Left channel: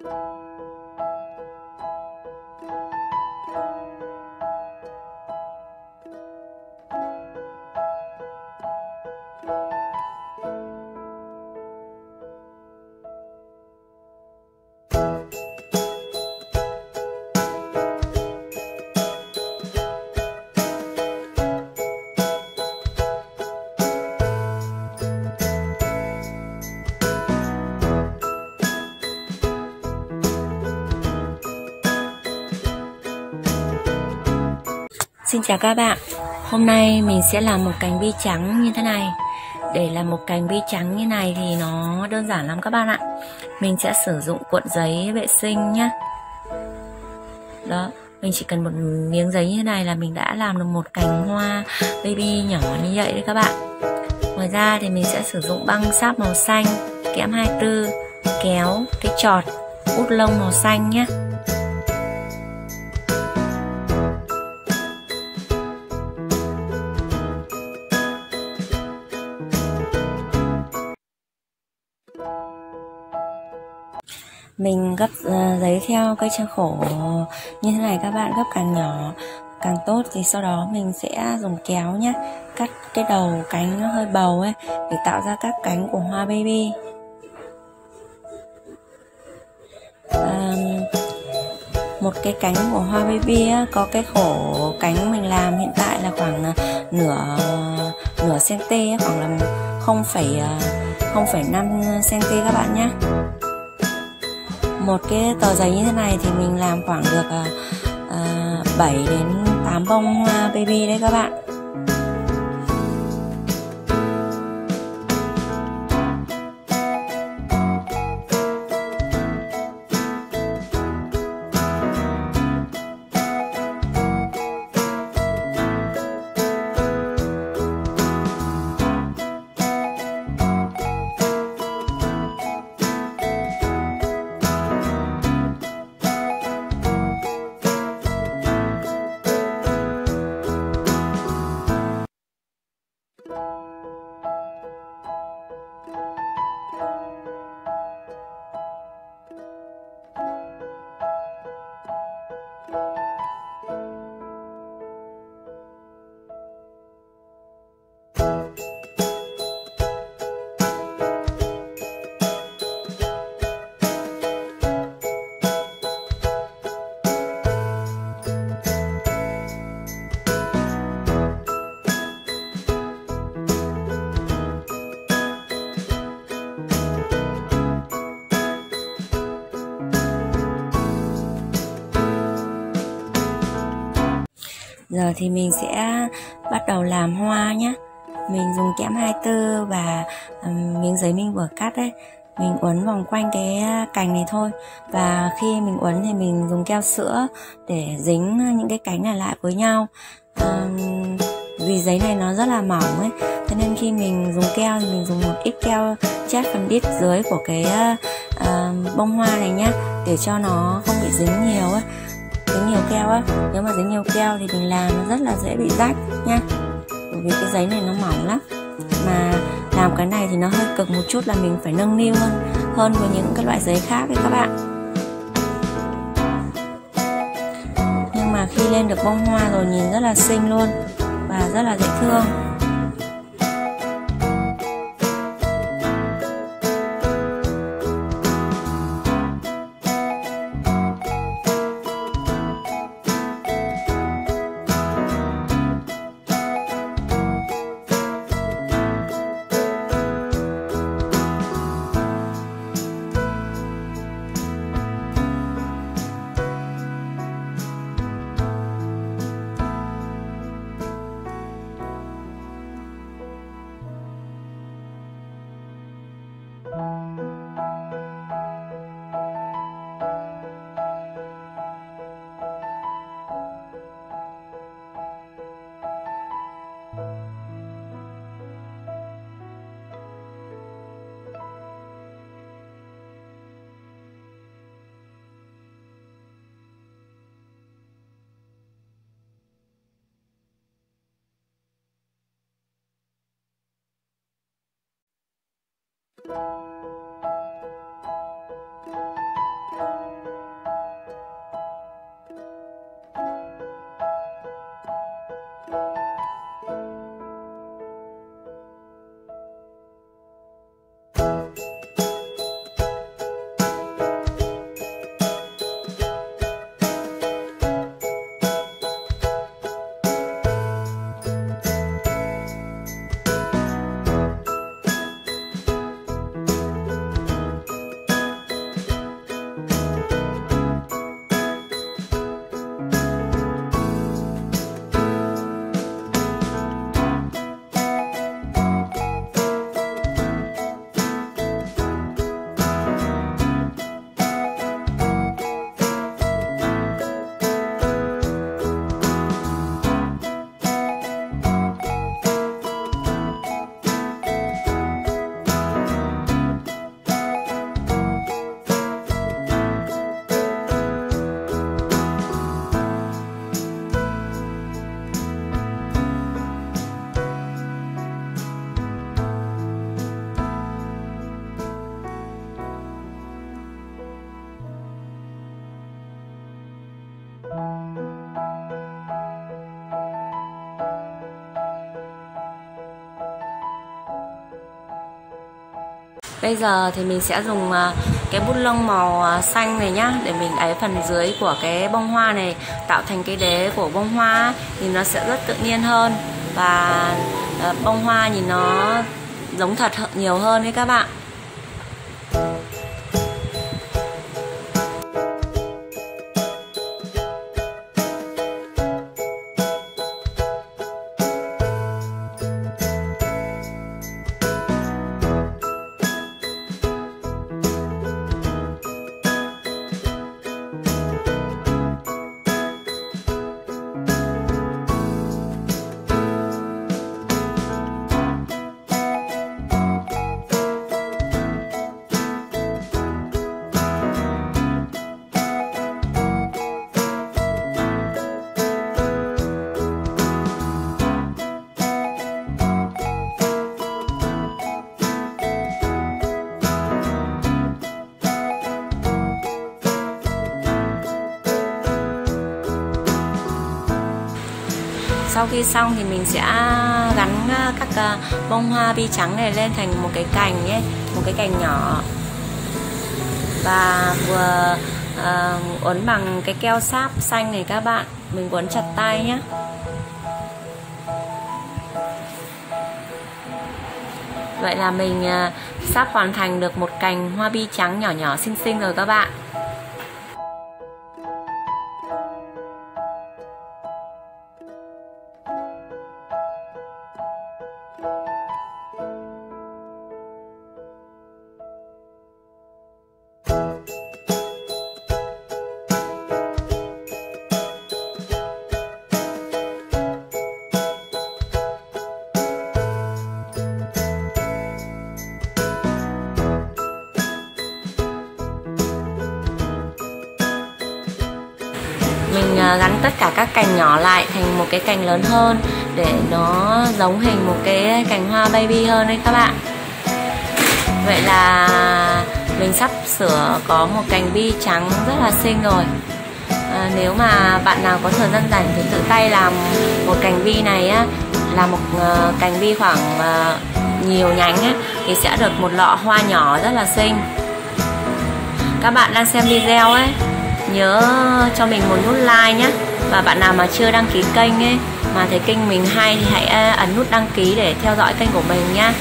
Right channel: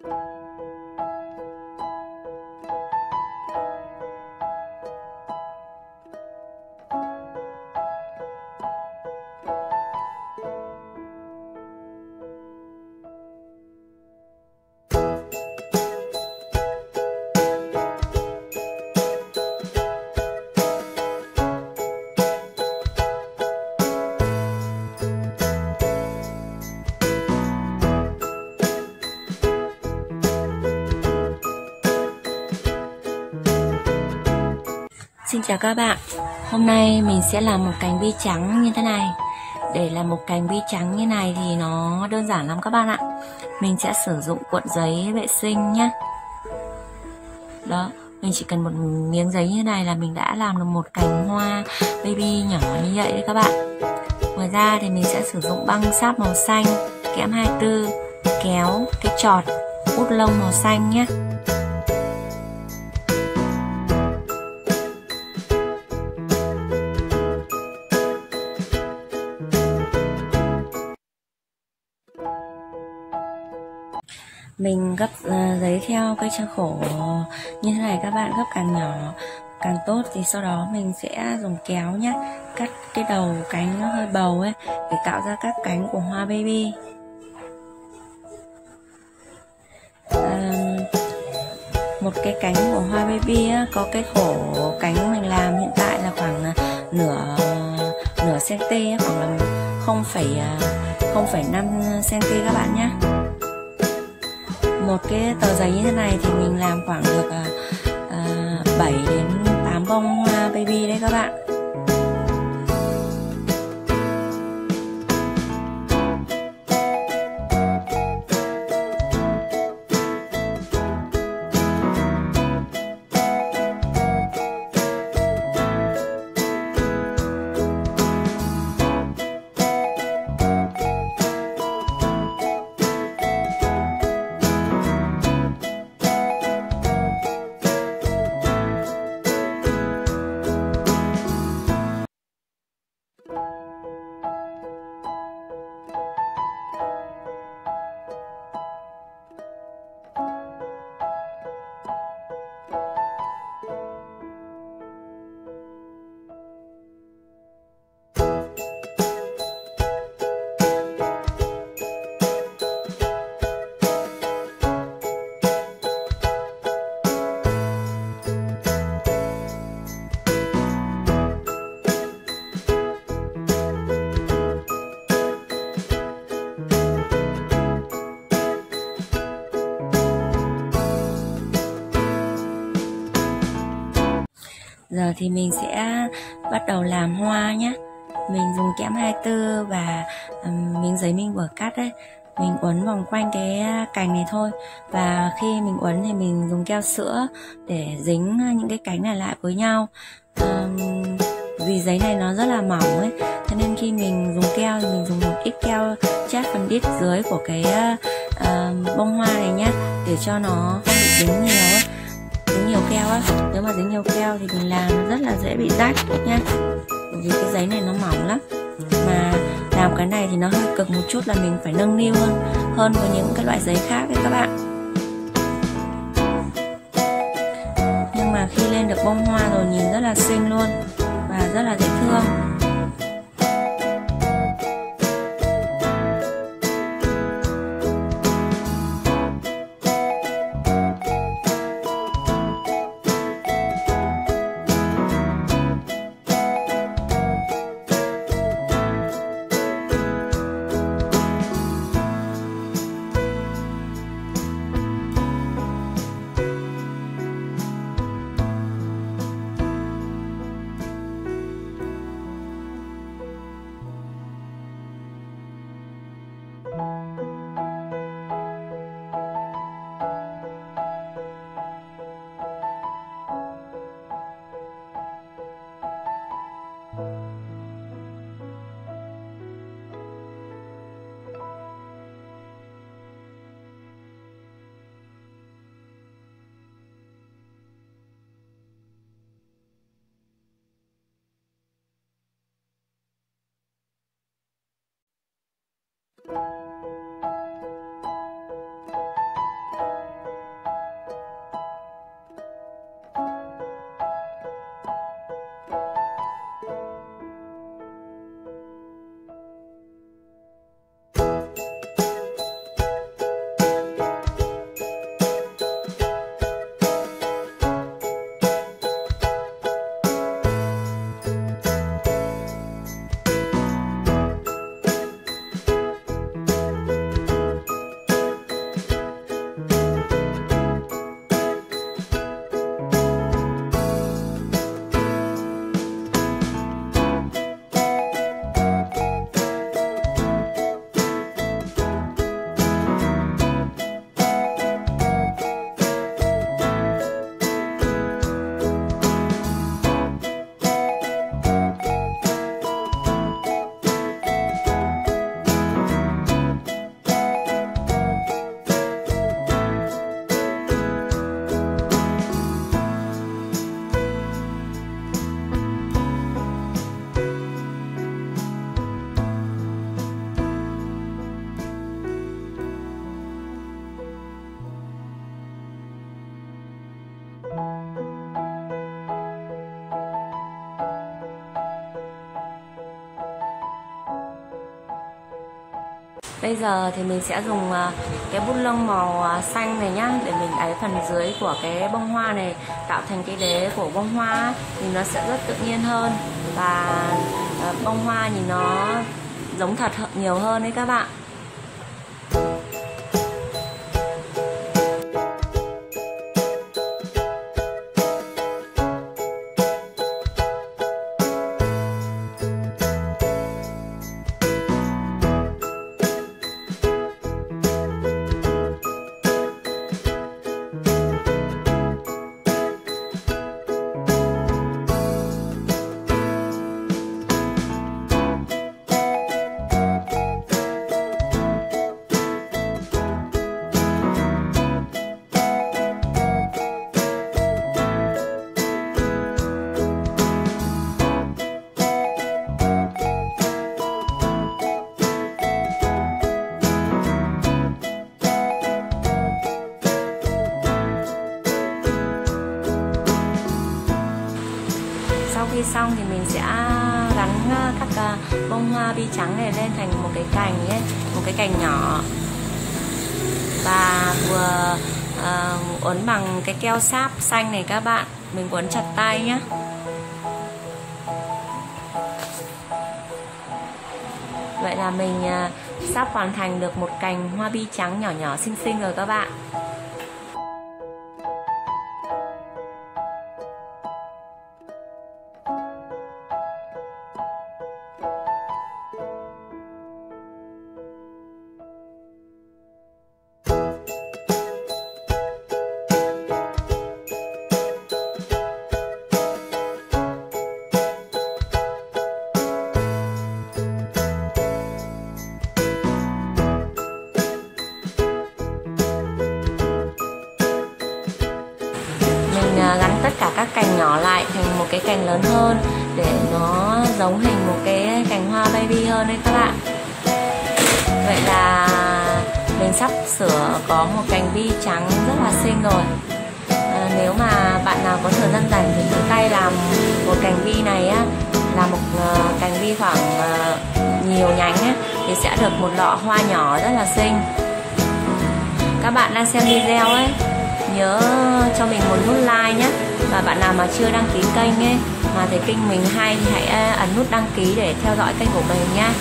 Xin chào các bạn. Hôm nay mình sẽ làm một cành bi trắng như thế này. Để làm một cành bi trắng như này thì nó đơn giản lắm các bạn ạ. Mình sẽ sử dụng cuộn giấy vệ sinh nhé. Đó, mình chỉ cần một miếng giấy như này là mình đã làm được một cành hoa baby nhỏ như vậy đấy các bạn. Ngoài ra thì mình sẽ sử dụng băng sáp màu xanh, kẽm 24, kéo, cái chọt, bút lông màu xanh nhé. Mình gấp giấy theo cây trang khổ như thế này các bạn, gấp càng nhỏ càng tốt. Thì sau đó mình sẽ dùng kéo nhé, cắt cái đầu cánh nó hơi bầu ấy để tạo ra các cánh của hoa baby. Một cái cánh của hoa baby á, có cái khổ cánh mình làm hiện tại là khoảng nửa cm, khoảng là 0,5 cm các bạn nhé. Một cái tờ giấy như thế này thì mình làm khoảng được 7 đến 8 bông hoa baby đấy các bạn. Giờ thì mình sẽ bắt đầu làm hoa nhé. Mình dùng kẽm 24 và miếng giấy mình vừa cắt ấy, mình uốn vòng quanh cái cành này thôi. Và khi mình uốn thì mình dùng keo sữa để dính những cái cánh này lại với nhau. Vì giấy này nó rất là mỏng ấy, cho nên khi mình dùng keo thì mình dùng một ít keo chát phần đít dưới của cái bông hoa này nhé, để cho nó không bị dính nhiều ấy. Dính nhiều keo á, nếu mà dính nhiều keo thì mình làm nó rất là dễ bị rách nha. Bởi vì cái giấy này nó mỏng lắm. Mà làm cái này thì nó hơi cực một chút, là mình phải nâng niu hơn với những cái loại giấy khác ấy các bạn. Nhưng mà khi lên được bông hoa rồi nhìn rất là xinh luôn và rất là dễ thương. Bây giờ thì mình sẽ dùng cái bút lông màu xanh này nhá, để mình ấy phần dưới của cái bông hoa này, tạo thành cái đế của bông hoa thì nó sẽ rất tự nhiên hơn, và bông hoa nhìn nó giống thật nhiều hơn đấy các bạn. Sau khi xong thì mình sẽ gắn các bông hoa bi trắng này lên thành một cái cành nhé, một cái cành nhỏ, và vừa uốn bằng cái keo sáp xanh này các bạn. Mình uốn chặt tay nhé. Vậy là mình sắp hoàn thành được một cành hoa bi trắng nhỏ nhỏ xinh xinh rồi các bạn. Mình gắn tất cả các cành nhỏ lại thành một cái cành lớn hơn để nó giống hình một cái cành hoa baby hơn đấy các bạn. Vậy là mình sắp sửa có một cành bi trắng rất là xinh rồi. Nếu mà bạn nào có thời gian rảnh thì tự tay làm một cành bi này á, làm một cành bi khoảng nhiều nhánh á, thì sẽ được một lọ hoa nhỏ rất là xinh. Các bạn đang xem video ấy, nhớ cho mình một nút like nhé. Và bạn nào mà chưa đăng ký kênh ấy, mà thấy kênh mình hay thì hãy ấn nút đăng ký để theo dõi kênh của mình nhé.